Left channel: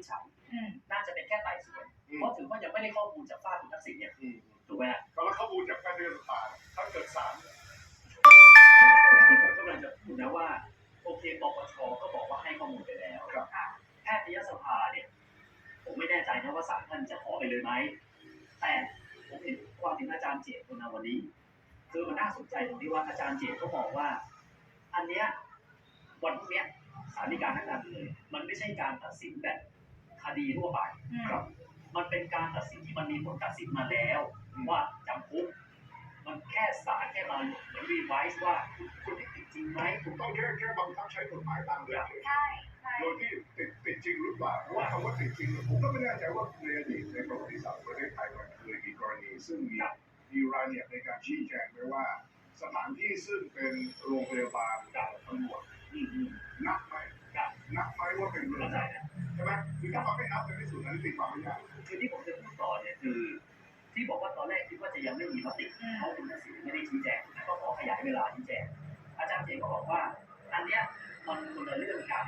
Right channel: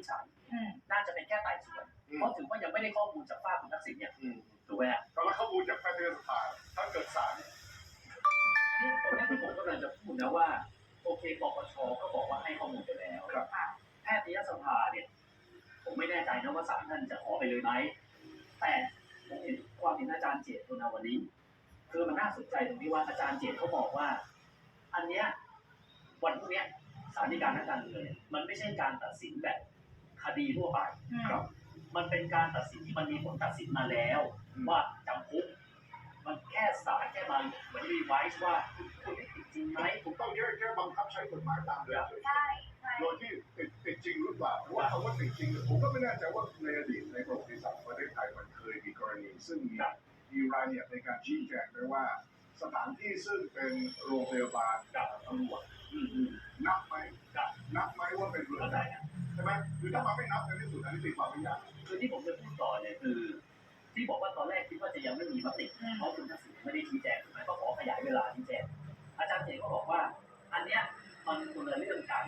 นิจฉัยอืมน่าจะเป็นแค่ไต่สวนอืมเพราะถือว่ายังไม่ได้ข้อมูลจากฝ้ากคุณทักษิณเนี่ยอืมถูกไหมฮะก็แล้วข้อมูลจากแพทยสภาถ้าเกิดศาลนี่ตรงนี้ที่ผมกำลังจะพูดนะว่า โอเคปปชก็บอกว่าให้ข้อมูลไปแล้วครับค่ะแพทยสภาเนี่ย ผมไม่แน่ใจนะว่าศาลท่านจะขอไปเลยไหมแต่ผมเห็นความเห็นอาจารย์เจตนาวลีคือมันน่าสนใจตรงที่ว่าอาจารย์เจตเขาบอกว่า อันเนี้ยวันพรุ่งเนี้ยศาลฎีกานักการเมืองเนี่ยมันไม่ใช่การตัดสินแบบ คดีทั่วไปอืมครับ มันเป็นการตัดสินที่มันมีผลตัดสินมาแล้ว ว่าจำคุกมันแค่ศาลแค่มาเหมือนรีไวซ์ว่าคุณคุณได้ติดจริงไหมถูกต้องแค่แค่บังคับใช้กฎหมายตามเดิมเฉยใช่ใช่โดยที่ติดติดจริงหรือเปล่าเพราะว่าคำว่าติดจริงเนี่ยผมก็ไม่แน่ใจว่าในอดีตในประวัติศาสตร์ของประเทศไทยมันเคยมีกรณี ซึ่งมีมีรายละเอียดในการชี้แจงไว้ว่า สถานที่ซึ่งเป็นโรงพยาบาลกับตำรวจอืมอืมนับไหมนับไหมว่าเป็นเรือน เข้าใจจำนะใช่ไหมคือถ้ามันไม่นับในที่สุดนั้นี้ตีความไม่ยากคือที่ผมจะพูดต่อเนี่ยคือ ที่บอกว่าตอนแรกคิดว่าจะยังไม่มีมติเพราะคุณทักษิณไม่ได้ชี้แจงถูกไหมก็ขอขยายเวลาชี้แจงอาจารย์เจก็บอกว่า อันเนี้ยมันคนละเรื่องกัน